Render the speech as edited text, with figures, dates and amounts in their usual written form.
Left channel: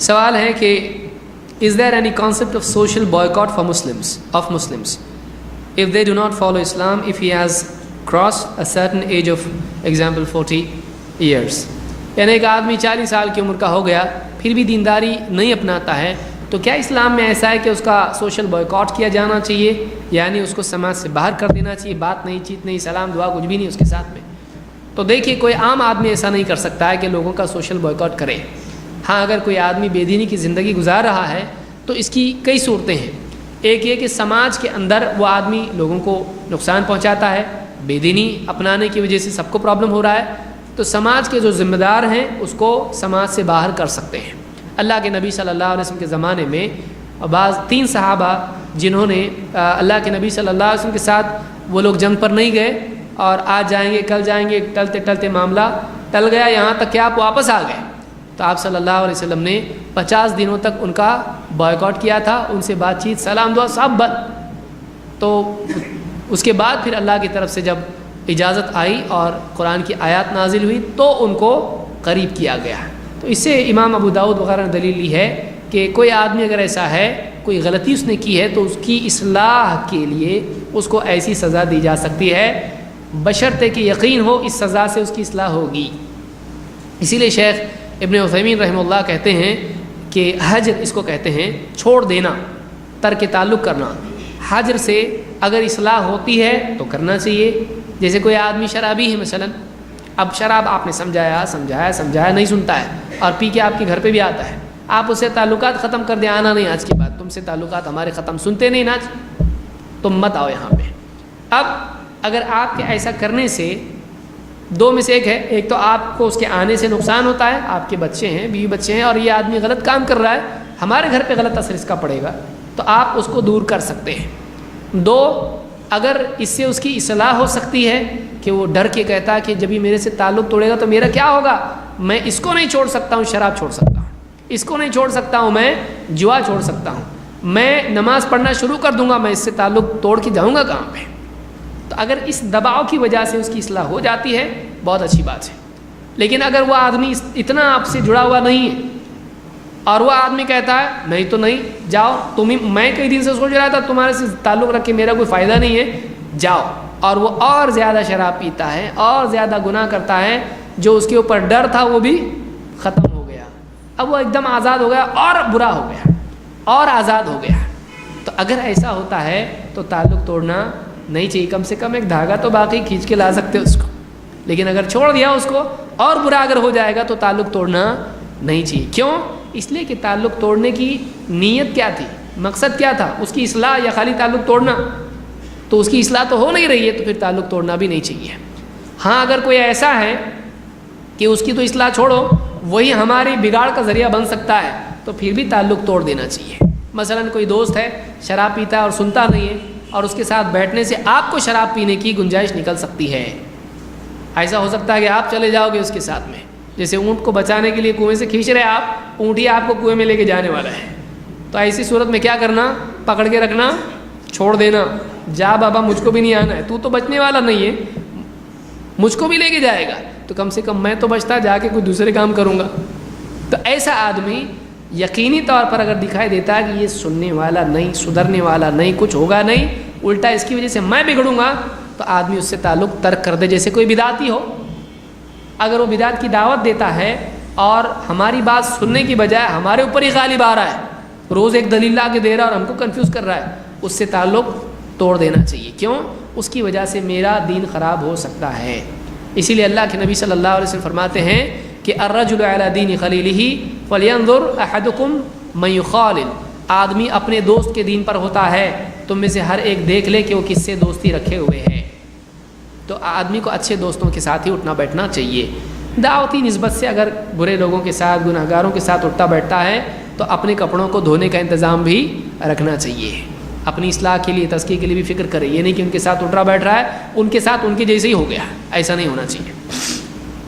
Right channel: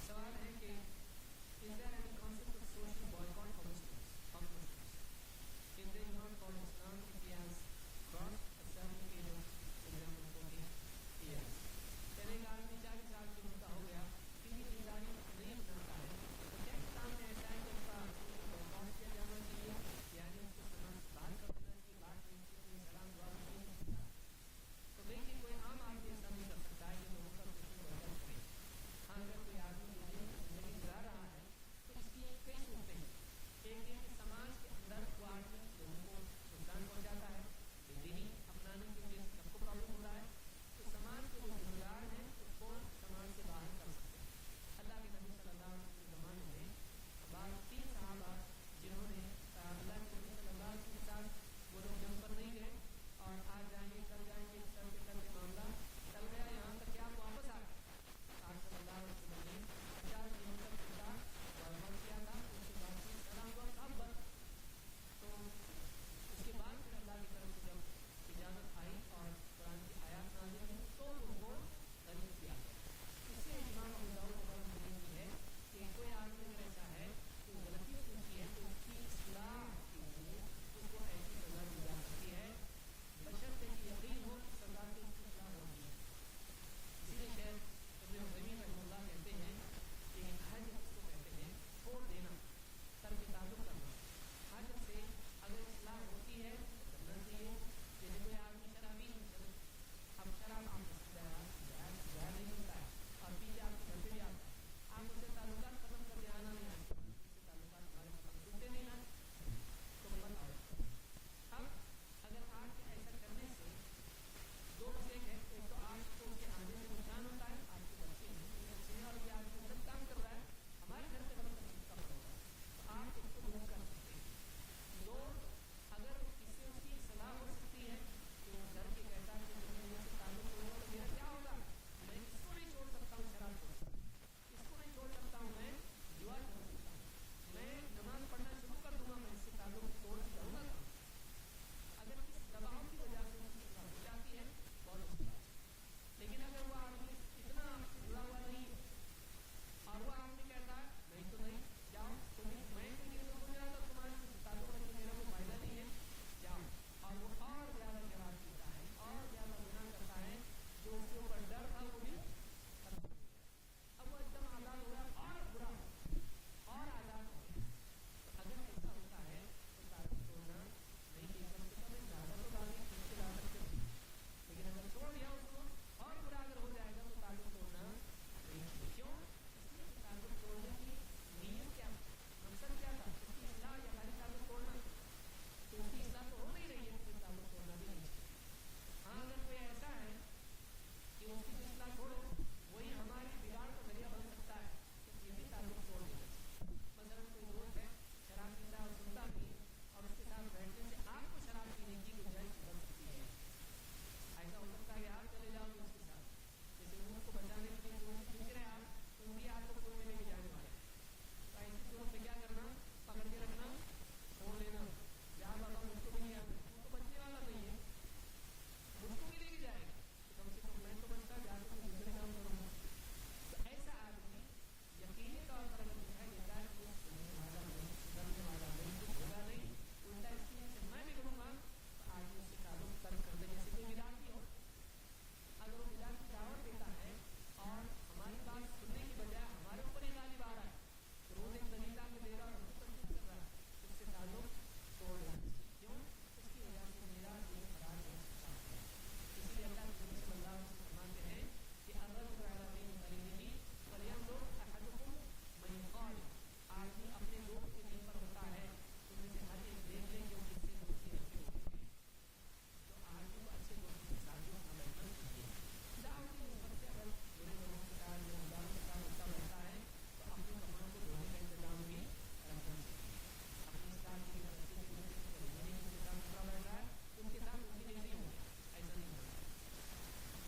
سوال ہے کہ is there any concept of social boycott for Muslims if they do not follow Islam if he has crossed a certain age of example 40 years؟ یعنی ایک آدمی 40 سال کی عمر کا ہو گیا پھر بھی دینداری نہیں اپناتا ہے تو کیا اسلام میں ایسا ہے کہ اس کا سوشل بوائکاٹ کیا جانا چاہیے، یعنی اس کو سماج سے باہر کر دینا چاہیے، بات نہیں چیت نہیں سلام دعا کچھ بھی نہیں اس کے ساتھ میں؟ تو دیکھیے کوئی عام آدمی ایسا نہیں کر سکتا ہے کہ لوگوں کا سوشل بوائکاٹ کرے۔ ہاں اگر کوئی آدمی بے دینی کی زندگی گزار رہا ہے تو اس کی کئی صورتیں ہیں۔ ایک یہ کہ سماج کے اندر وہ آدمی لوگوں کو نقصان پہنچاتا ہے، بے دینی اپنانے کی وجہ سے سب کو پرابلم ہو رہا ہے، تو سماج کے جو ذمہ دار ہیں اس کو سماج سے باہر کر سکتے ہیں۔ اللہ کے نبی صلی اللہ علیہ وسلم کے زمانے میں بعض 3 صحابہ جنہوں نے اللہ کے نبی صلی اللہ علیہ وسلم کے ساتھ وہ لوگ جنگ پر نہیں گئے اور آج جائیں گے کل جائیں گے، ٹلتے ٹلتے معاملہ ٹل گیا یہاں تک کہ آپ واپس آ گئے، تو آپ صلی اللہ علیہ وسلم نے 50 دنوں تک ان کا بائیکاٹ کیا تھا، ان سے بات چیت سلام دعا سب بند۔ تو اس کے بعد پھر اللہ کی طرف سے جب اجازت آئی اور قرآن کی آیات نازل ہوئی تو ان کو قریب کیا گیا۔ تو اس سے امام ابو داؤد وغیرہ نے دلیل لی ہے کہ کوئی آدمی اگر ایسا ہے، کوئی غلطی اس نے کی ہے تو اس کی اصلاح کے لیے اس کو ایسی سزا دی جا سکتی ہے بشرطے کہ یقین ہو اس سزا سے اس کی اصلاح ہوگی۔ اسی لیے شیخ ابن عثیمین رحمہ اللہ کہتے ہیں کہ حجر اس کو کہتے ہیں چھوڑ دینا، ترک تعلق کرنا۔ حجر سے اگر اصلاح ہوتی ہے تو کرنا چاہیے۔ جیسے کوئی آدمی شرابی ہے مثلا، اب شراب آپ نے سمجھایا نہیں سنتا ہے اور پی کے آپ کے گھر پہ بھی آتا ہے، آپ اسے تعلقات ختم کر دیں، آنا نہیں آج کے بعد، تم سے تعلقات ہمارے ختم، سنتے نہیں ناچ، تم مت آؤ یہاں پہ۔ اب اگر آپ کے ایسا کرنے سے 2 میں سے ایک ہے، ایک تو آپ کو اس کے آنے سے نقصان ہوتا ہے، آپ کے بچے ہیں، بیوی بچے ہیں اور یہ آدمی غلط کام کر رہا ہے، ہمارے گھر پہ غلط اثر اس کا پڑے گا، تو آپ اس کو دور کر سکتے ہیں۔ 2 اگر اس سے اس کی اصلاح ہو سکتی ہے کہ وہ ڈر کے کہتا ہے کہ جب یہ میرے سے تعلق توڑے گا تو میرا کیا ہوگا، میں اس کو نہیں چھوڑ سکتا ہوں، شراب چھوڑ سکتا ہوں، اس کو نہیں چھوڑ سکتا ہوں، میں جوا چھوڑ سکتا ہوں، میں نماز پڑھنا شروع کر دوں گا، میں اس سے تعلق توڑ کے جاؤں گا کہاں پہ؟ تو اگر اس دباؤ کی وجہ سے اس کی اصلاح ہو جاتی ہے بہت اچھی بات ہے۔ لیکن اگر وہ آدمی اتنا آپ سے جڑا ہوا نہیں ہے اور وہ آدمی کہتا ہے نہیں تو نہیں جاؤ، میں کئی دن سے سوچ رہا تھا تمہارے سے تعلق رکھ کے میرا کوئی فائدہ نہیں ہے، جاؤ، اور وہ اور زیادہ شراب پیتا ہے اور زیادہ گناہ کرتا ہے، جو اس کے اوپر ڈر تھا وہ بھی ختم ہو گیا، اب وہ ایک دم آزاد ہو گیا اور برا ہو گیا اور آزاد ہو گیا۔ تو اگر ایسا ہوتا ہے تو تعلق توڑنا نہیں چاہیے، کم سے کم ایک دھاگا تو باقی کھینچ کے لا سکتے اس کو، لیکن اگر چھوڑ دیا اس کو اور برا اگر ہو جائے گا تو تعلق توڑنا نہیں چاہیے۔ کیوں؟ اس لیے کہ تعلق توڑنے کی نیت کیا تھی، مقصد کیا تھا، اس کی اصلاح یا خالی تعلق توڑنا؟ تو اس کی اصلاح تو ہو نہیں رہی ہے تو پھر تعلق توڑنا بھی نہیں چاہیے۔ ہاں اگر کوئی ایسا ہے کہ اس کی تو اصلاح چھوڑو وہی ہماری بگاڑ کا ذریعہ بن سکتا ہے تو پھر بھی تعلق توڑ دینا چاہیے۔ مثلا کوئی دوست ہے شراب پیتا ہے اور سنتا نہیں ہے اور اس کے ساتھ بیٹھنے سے آپ کو شراب پینے کی گنجائش نکل سکتی ہے، ایسا ہو سکتا ہے کہ آپ چلے جاؤ گے اس کے ساتھ میں، جیسے اونٹ کو بچانے کے لیے کنویں سے کھینچ رہے آپ، اونٹ ہی آپ کو کنویں میں لے کے جانے والا ہے، تو ایسی صورت میں کیا کرنا، پکڑ کے رکھنا، چھوڑ دینا، جا بابا مجھ کو بھی نہیں آنا ہے، تو بچنے والا نہیں ہے، مجھ کو بھی لے کے جائے گا تو کم سے کم میں تو بچتا، جا کے کوئی دوسرے کام کروں گا۔ تو ایسا آدمی یقینی طور پر اگر دکھائی دیتا ہے کہ یہ سننے والا نہیں، سدھرنے والا نہیں، کچھ ہوگا نہیں، الٹا اس کی وجہ سے میں بگڑوں گا، تو آدمی اس سے تعلق ترک کر دے۔ جیسے کوئی بدعتی ہو، اگر وہ بدعت کی دعوت دیتا ہے اور ہماری بات سننے کی بجائے ہمارے اوپر ہی غالب آ رہا ہے، روز ایک دلیل لا کے دے رہا ہے اور ہم کو کنفیوز کر رہا ہے، اس سے تعلق توڑ دینا چاہیے۔ کیوں؟ اس کی وجہ سے میرا دین خراب ہو سکتا ہے۔ اسی لیے اللہ کے نبی صلی اللہ علیہ وسلم فرماتے ہیں کہ الرجل علی دین خلیلہ فلینظر احدکم من یخالل، آدمی اپنے دوست کے دین پر ہوتا ہے، تم میں سے ہر ایک دیکھ لے کہ وہ کس سے دوستی رکھے ہوئے ہے۔ تو آدمی کو اچھے دوستوں کے ساتھ ہی اٹھنا بیٹھنا چاہیے۔ دعوتی نسبت سے اگر برے لوگوں کے ساتھ، گناہ گاروں کے ساتھ اٹھتا بیٹھتا ہے تو اپنے کپڑوں کو دھونے کا انتظام بھی رکھنا چاہیے، اپنی اصلاح کے لیے، تزکیے کے لیے بھی فکر کرے، یہ نہیں کہ ان کے ساتھ اٹھ رہا بیٹھ رہا ہے، ان کے ساتھ ان کے جیسے ہی ہو گیا، ایسا نہیں ہونا چاہیے۔